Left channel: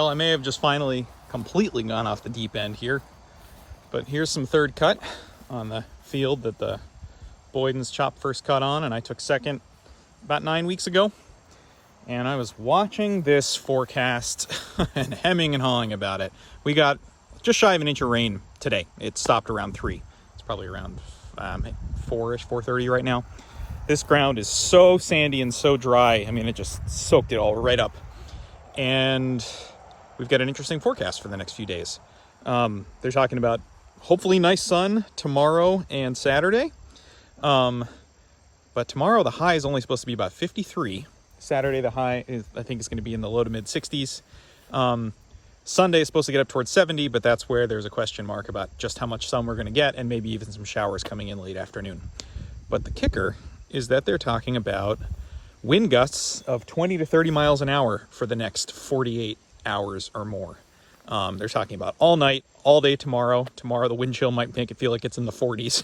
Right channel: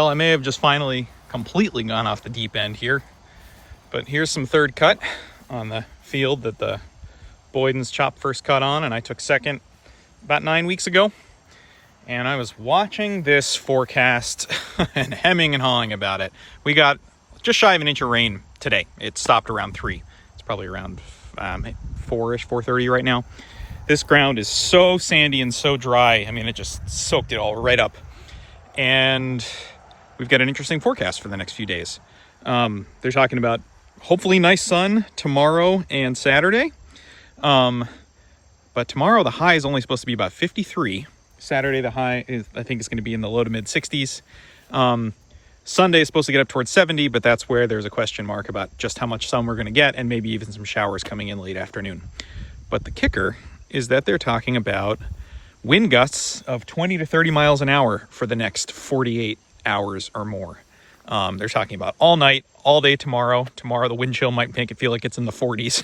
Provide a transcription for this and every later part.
Well, I may have just finally completely gone off the deep end here, but here's some third cut on the field that the Boydens chopped first cut on, and I took second about 9 weeks ago. And I was watching this forecast and hemming and hawing about it. We got just shy of an inch of rain today. It stopped around 3. It's probably around 4-ish, 4:30 right now. This ground is so sandy and so dry. I mean, it just soaked it all right up. And we've got an interesting forecast for the next few days. They're talking about hopefully nice sun tomorrow and Saturday. But tomorrow the high is only supposed to be about 53. Saturday the high is, I think, is going to be in the low to mid 60s. Sunday is supposed to get up towards 70, but that's where there's a question mark about just how much sun we're going to get, and maybe even some showers coming in late afternoon. But the kicker is that they're talking about wind gusts of 20 to 30 miles an hour for the next 48 hours or more. They're talking about all night, all day tomorrow. Tomorrow the wind chill might make it feel like it's in the 40s,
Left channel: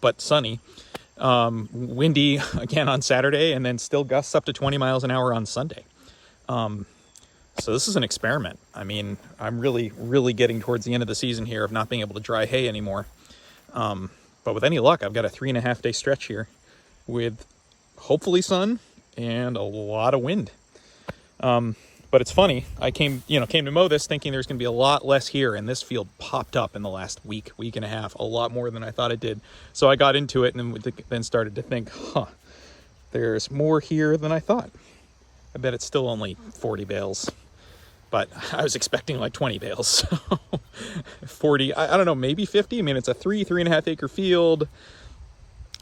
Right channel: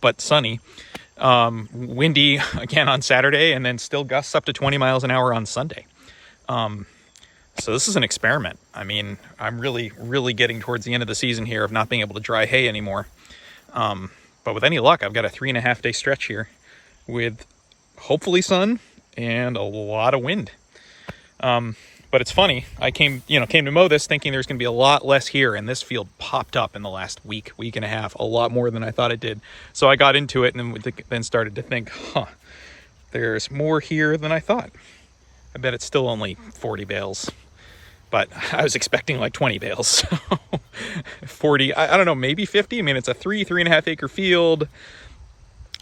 but sunny. Windy again on Saturday, and then still gusts up to 20 miles an hour on Sunday. So this is an experiment. I mean, I'm really getting towards the end of the season here of not being able to dry hay anymore. But with any luck, I've got a 3.5 day stretch here with hopefully sun and a lot of wind. But it's funny, I came to mow this thinking there's going to be a lot less here, and this field popped up in the last week and a half, a lot more than I thought it did. So I got into it and then started to think, there's more here than I thought. I bet it's still only 40 bales, but I was expecting like 20 bales. So 40, I don't know, maybe 50. I mean, it's a 3.5 acre field.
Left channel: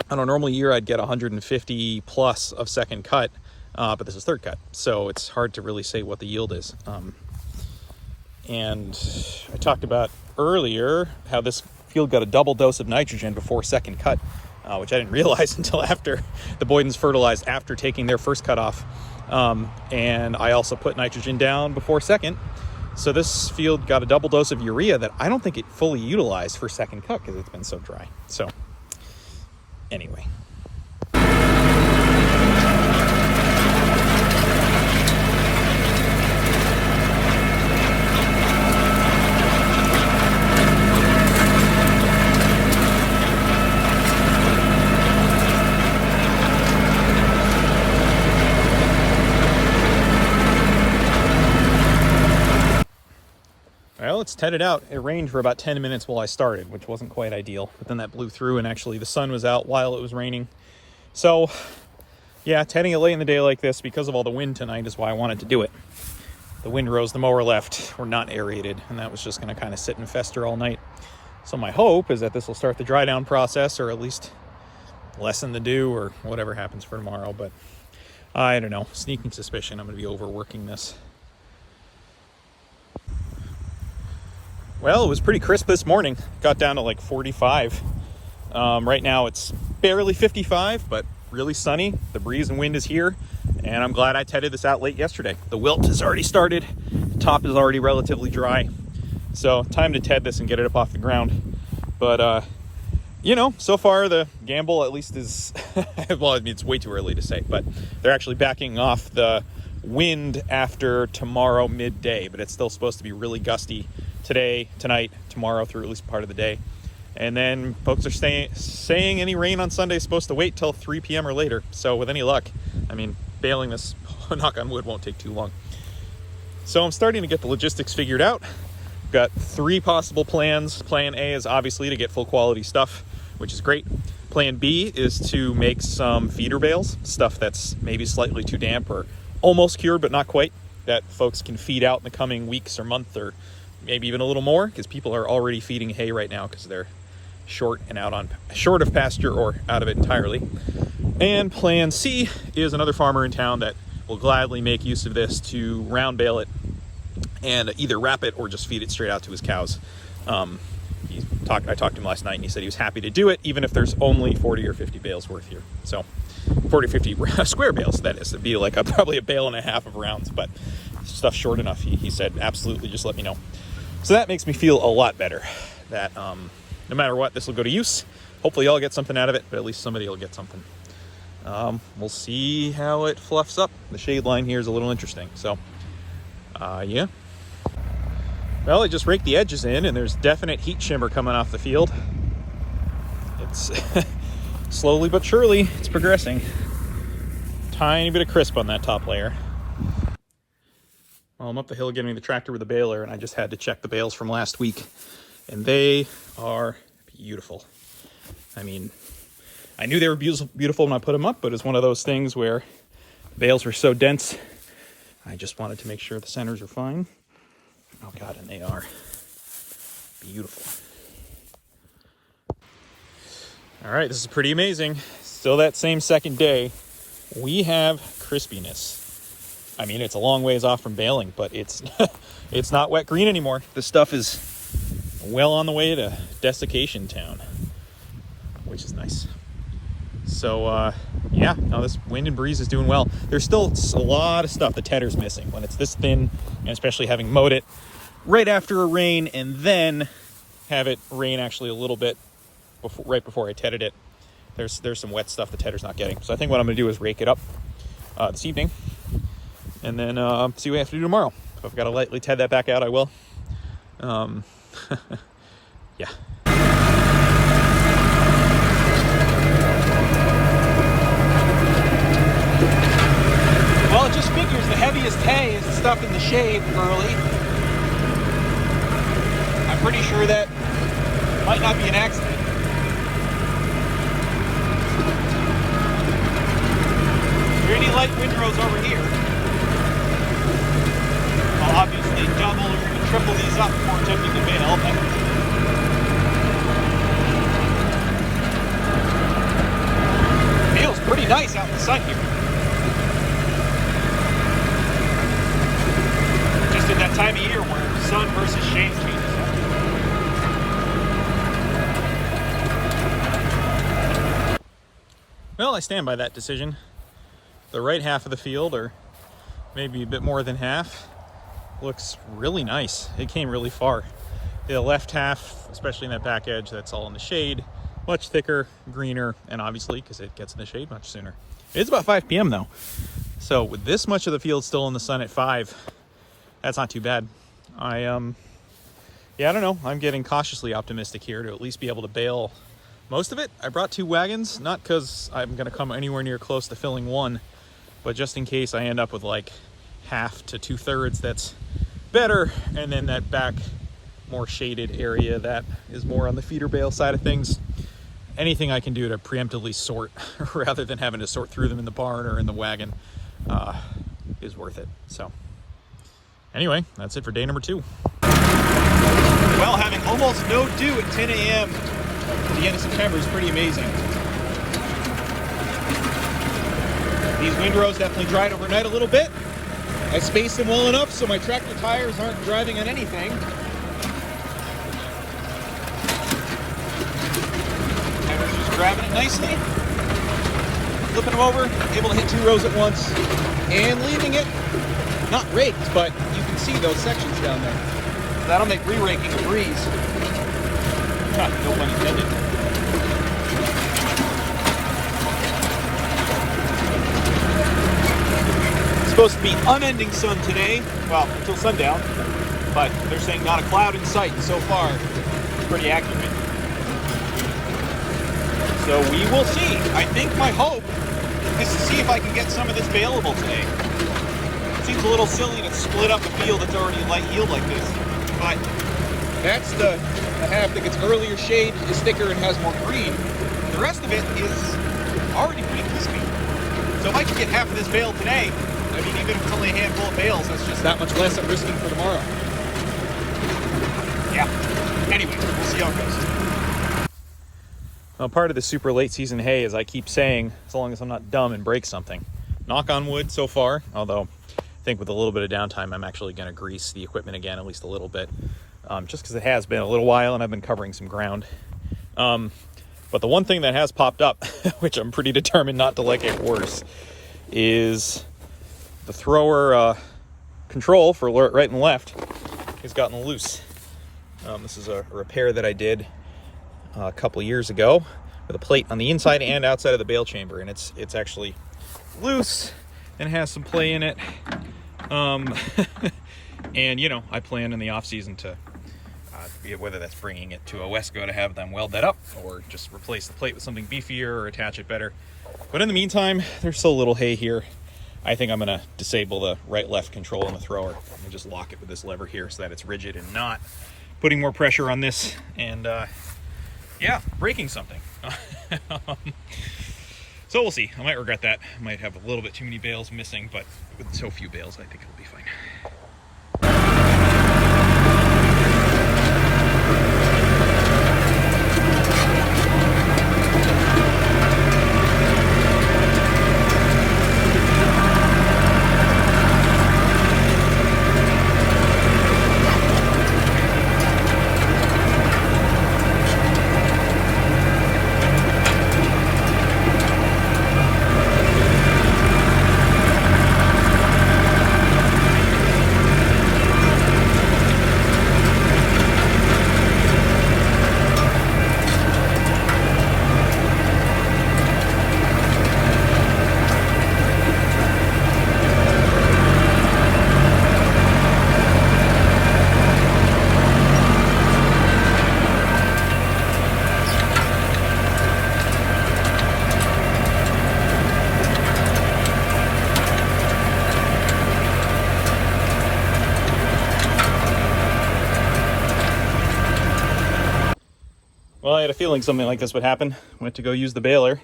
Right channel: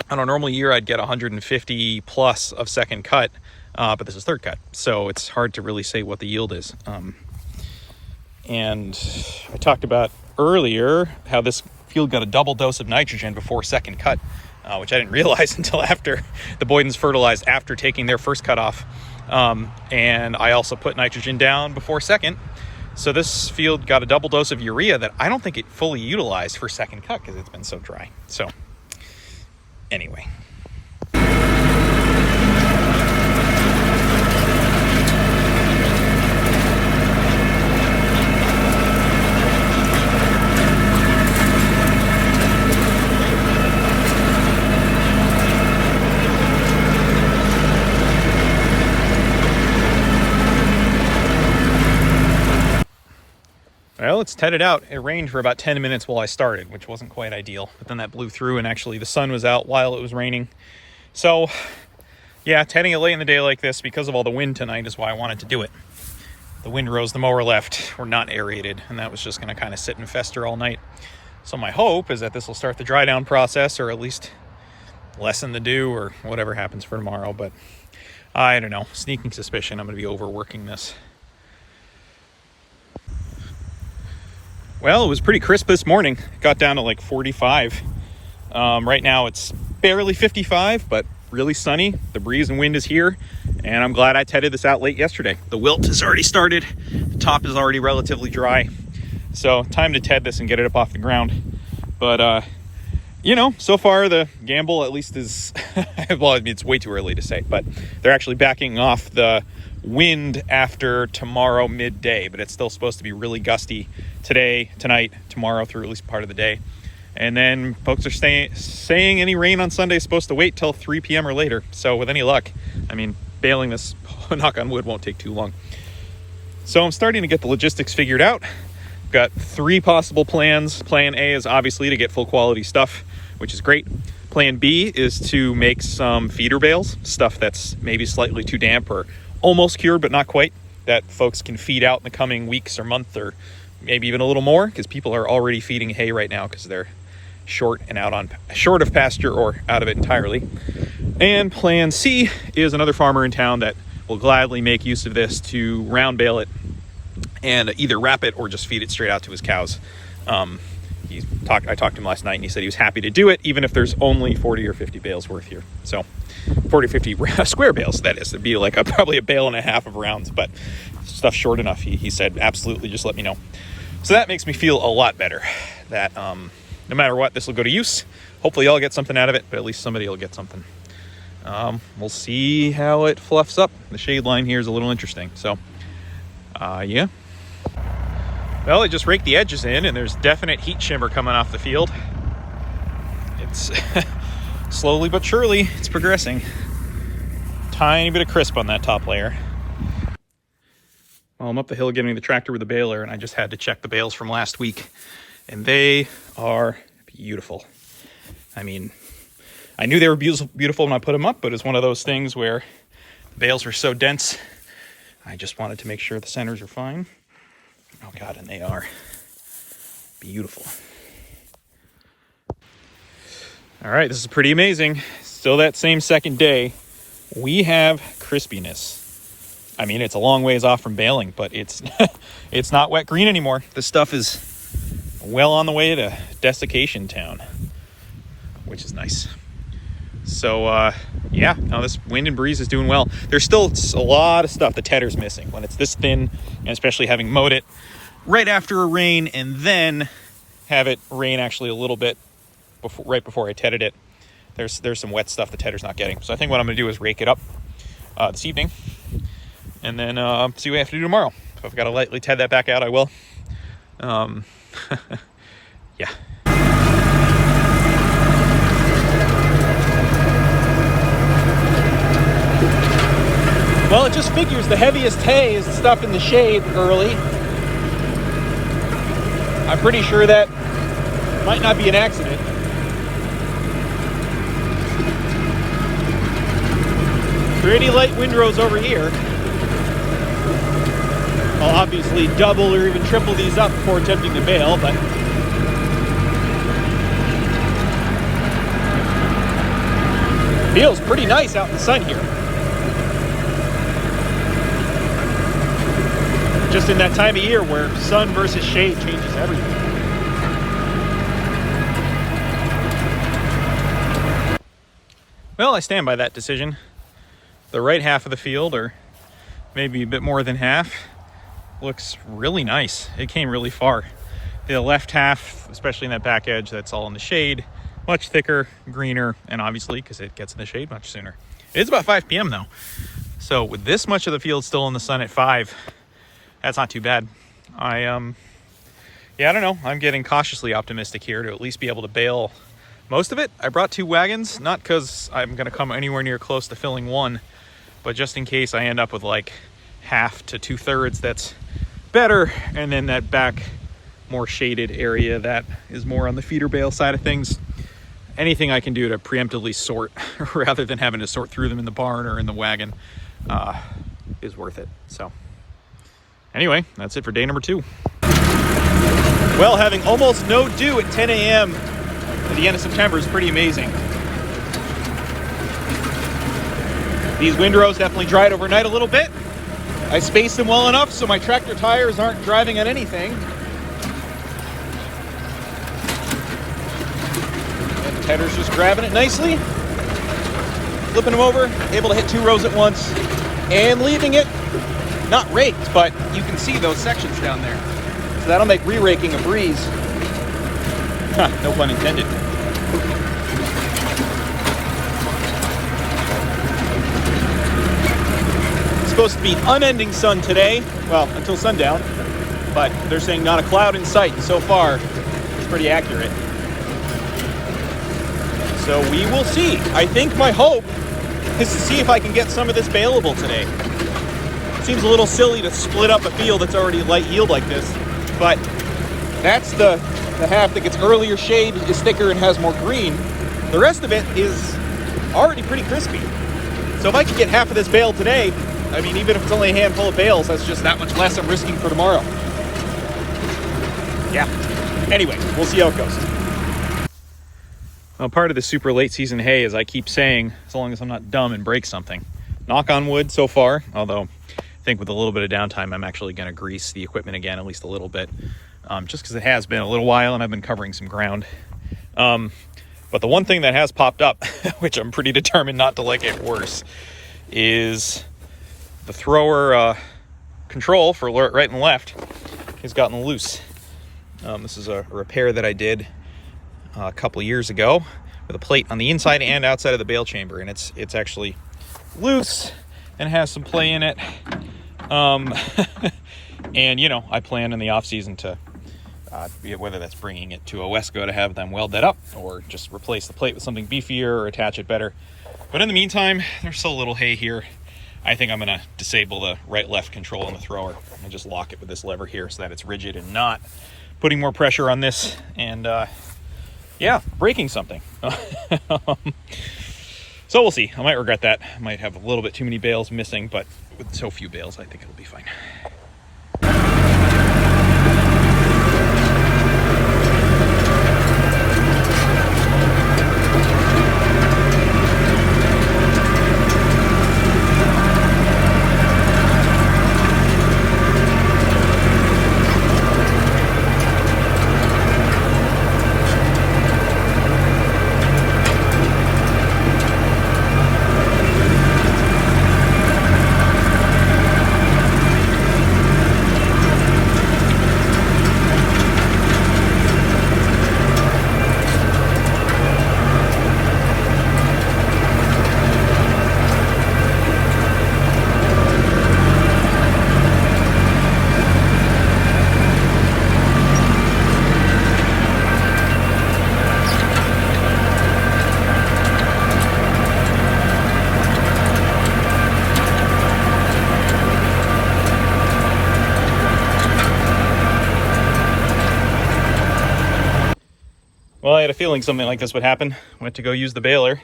On a normal year, I'd get 150 plus of second cut. But this is third cut, so it's hard to really say what the yield is. And I talked about earlier how this field got a double dose of nitrogen before second cut, which I didn't realize until after the Boydens fertilized after taking their first cut off. And I also put nitrogen down before second. So this field got a double dose of urea that I don't think it fully utilized for second cut because it's been so dry. So anyway. Well, it's tedded out. It rained for about 10 minutes while I started, which wasn't quite ideal. But then that blew through, and actually the sun was out while it was raining. So, yeah, tedding it late in the day like this because of all the wind tonight is why I wanted to do it. The windrows the mower left were not aerated, and that was just going to kind of sit and fester all night. So my hope is that this will start the dry down process, or at least lessen the dew, or whatever happens for tomorrow. But I don't know. Sneaking suspicion I'm going to be overworking this. Well, it was pretty crisp this morning. Got down to like 45. Right now it's barely 55, but really sunny. The breeze and wind is here, and I'm glad I tedded this out late yesterday. The wilt has already started. The top is already relatively dry. So time to ted this and get it up off the ground. But, so far the gamble at least is, well, I mean, it's way too early to say, but they're actually backing off the wind after tomorrow midday, but it's still supposed to be really gusty today, tonight, tomorrow, through at least part of the day. And then folks are saying any rain on Sunday is supposed to wait till 3 p.m. or later. So with any luck, I mean, baling this, knock on wood, won't take too long. So I'm starting to get the logistics figured out. Got 3 possible plans. Plan A is obviously to get full quality stuff, which is great. Plan B is to make some feeder bales, stuff that's maybe slightly too damp or almost cured, but not quite, that folks can feed out in the coming weeks or month, or maybe even a little more, because people are already feeding hay right now because they're short of pasture or out of it entirely. And plan C is another farmer in town that will gladly make use of this to round bale it and either wrap it or just feed it straight out to his cows. I talked to him last night, and he said he was happy to do it, even if there's only 40 or 50 bales worth here. So 40 or 50 square bales, that is. It'd be like probably a bale and a half of rounds, but stuff short enough. He said, absolutely, just let me know. So that makes me feel a lot better that no matter what, this will go to use. Hopefully I'll get something out of it, but at least somebody will get something. We'll see how it fluffs up. The shade line here is a little interesting. So, yeah. Well, I just raked the edges in, and there's definite heat shimmer coming off the field. It's slowly but surely, it's progressing. Tiny bit of crisp on that top layer. Well, I'm up the hill getting the tractor with the baler, and I just had to check the bales from last week, and they are beautiful. I mean, I knew they were beautiful when I put them up, but it's one of those things where the bales are so dense, I just wanted to make sure the centers are fine. Oh God, and they are beautiful. All right, this is pretty amazing. Still that same second day, we have crispiness. I mean, it's a long ways off from baling, but it's it's not wet green anymore. This stuff is well on the way to desiccation town, which is nice. So yeah, now this wind and breeze is doing well. There's still a lot of stuff the tedder's missing when it's this thin, and especially having mowed it right after a rain and then have it rain actually a little bit right before I tedded it. There's some wet stuff the tedder's not getting. So I think what I'm going to do is rake it up this evening, and then see what I have to do tomorrow. If I've got to lightly ted that back out, I will. Yeah. Well, it just figures the heaviest hay is the stuff in the shade early. I'm pretty sure that might not be an accident. Pretty light windrows over here. I'll obviously double or even triple these up before attempting to bale, but feels pretty nice out in the sun here. Just in that time of year where sun versus shade changes everything. Well, I stand by that decision. The right half of the field, or maybe a bit more than half, looks really nice. It came really far. The left half, especially in that back edge, that's all in the shade, much thicker, greener, and obviously, because it gets in the shade much sooner. It's about 5 p.m. though. So with this much of the field still in the sun at 5, that's not too bad. Yeah, I don't know. I'm getting cautiously optimistic here to at least be able to bale most of it. I brought 2 wagons, not because I'm going to come anywhere near close to filling one, but just in case I end up with like half to 2/3 that's better, and then that back more shaded area that is more on the feeder bale side of things. Anything I can do to preemptively sort rather than having to sort through them in the barn or in the wagon is worth it. So anyway, that's it for day number 2. Well, having almost no dew at 10 a.m. at the end of September is pretty amazing. These windrows definitely dried overnight a little bit. I spaced them well enough so my tractor tires aren't driving on anything. Tedder's just grabbing it nicely, flipping them over, able to hit 2 rows at once, and leaving it not raked, but you can see those sections down there. So that'll make re-raking a breeze. No pun intended. Be unending sun today, well, until sundown, but they're saying not a cloud in sight, and so far it's pretty accurate. So we will see. I think my hope is to see if I can get some of this baleable today. It seems a little silly to split up a field that's already light yield like this, but that's the half that gets earlier shade, is thicker and has more green. The rest of it is already pretty crispy. So if I can get half of this bale today, I mean, even if it's only a handful of bales, that's just that much less I'm risking for tomorrow. Yeah. Anyway, we'll see how it goes. Well, part of the super late season hay, as I keep saying, as long as I'm not dumb and break something. Knock on wood so far, although I think with a little bit of downtime, I'm actually going to grease the equipment again, at least a little bit, just because it has been a little while and I've been covering some ground. But the one thing that has popped up, which I'm pretty determined not to let get worse, is the thrower control for right and left has gotten loose. This is a repair that I did a couple years ago with a plate on the inside and outside of the bale chamber, and it's actually loose and has some play in it. And, you know, I plan in the off season to, whether that's bringing it to a Wesco to have them weld that up, or just replace the plate with something beefier or attach it better. But in the meantime, there's so little hay here. I think I'm gonna disable the right-left control on the thrower and just lock it with this lever here so that it's rigid and not putting more pressure on this and yeah, breaking something. So we'll see. I might regret that. I might have a little bit too many bales missing, but with so few bales, I think it'll be fine. Well, I had a feeling something like this would happen. Went to go use the baler,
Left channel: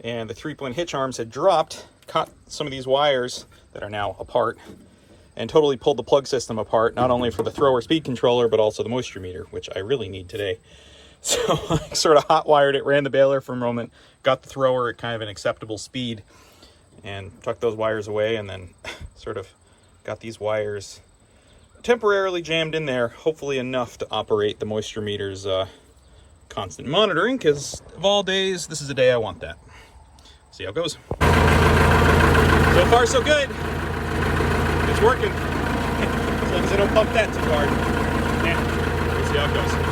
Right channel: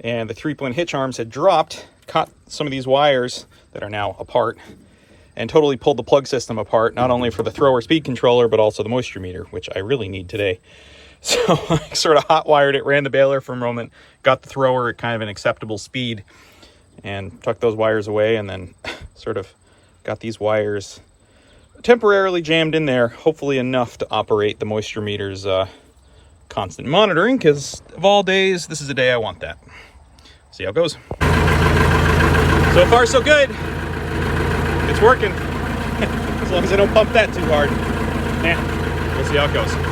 and the 3-point hitch arms had dropped, caught some of these wires that are now apart, and totally pulled the plug system apart, not only for the thrower speed controller, but also the moisture meter, which I really need today. So I sort of hot wired it, ran the baler for a moment, got the thrower at kind of an acceptable speed, and tucked those wires away, and then sort of got these wires temporarily jammed in there, hopefully enough to operate the moisture meter's constant monitoring, because of all days, this is the day I want that. See how it goes. So far, so good. It's working. As long as I don't pump that too hard. Yeah, we'll see how it goes.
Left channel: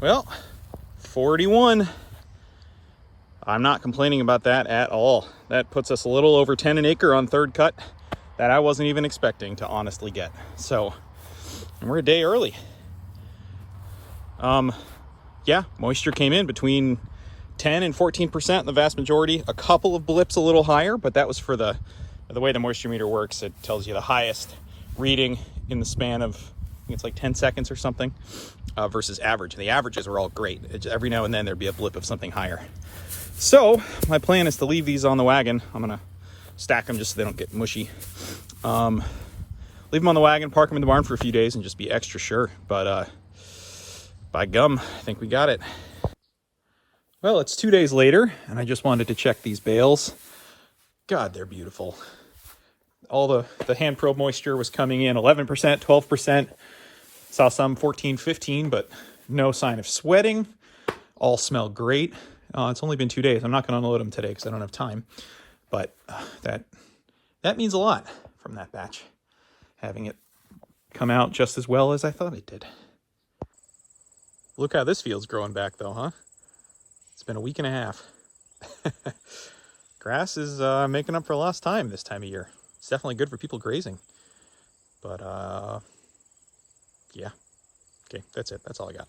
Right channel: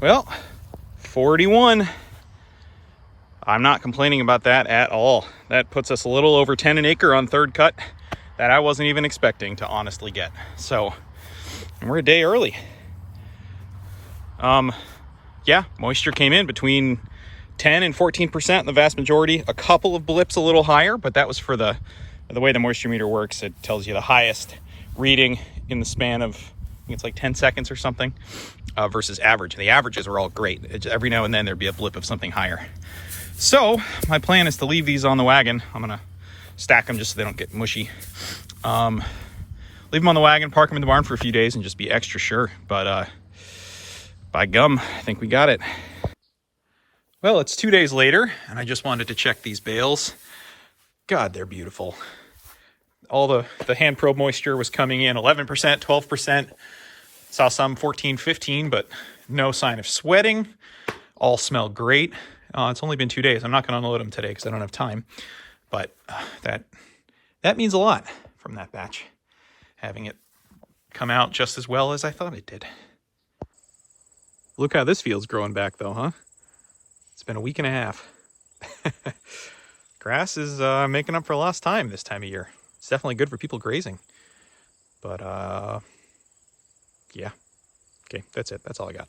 Well, 41. I'm not complaining about that at all. That puts us a little over 10 an acre on third cut that I wasn't even expecting to honestly get. So, and we're a day early. Yeah, moisture came in between 10 and 14% in the vast majority. A couple of blips a little higher, but that was for the way the moisture meter works. It tells you the highest reading in the span of, I think it's like 10 seconds or something, versus average. The averages are all great. Every now and then there'd be a blip of something higher. So my plan is to leave these on the wagon. I'm gonna stack them just so they don't get mushy. Leave them on the wagon, park them in the barn for a few days, and just be extra sure. But by gum, I think we got it. Well, it's 2 days later, and I just wanted to check these bales. God, they're beautiful. All the hand probe moisture was coming in 11%, 12%. Saw some 14, 15, but no sign of sweating. All smell great. It's only been 2 days. I'm not going to unload them today because I don't have time. But that means a lot from that batch. Having it come out just as well as I thought it did. Look how this field's growing back though, huh? It's been a week and a half. Grass is making up for lost time this time of year. It's definitely good for people grazing. But yeah. Okay, that's it. That's all I got.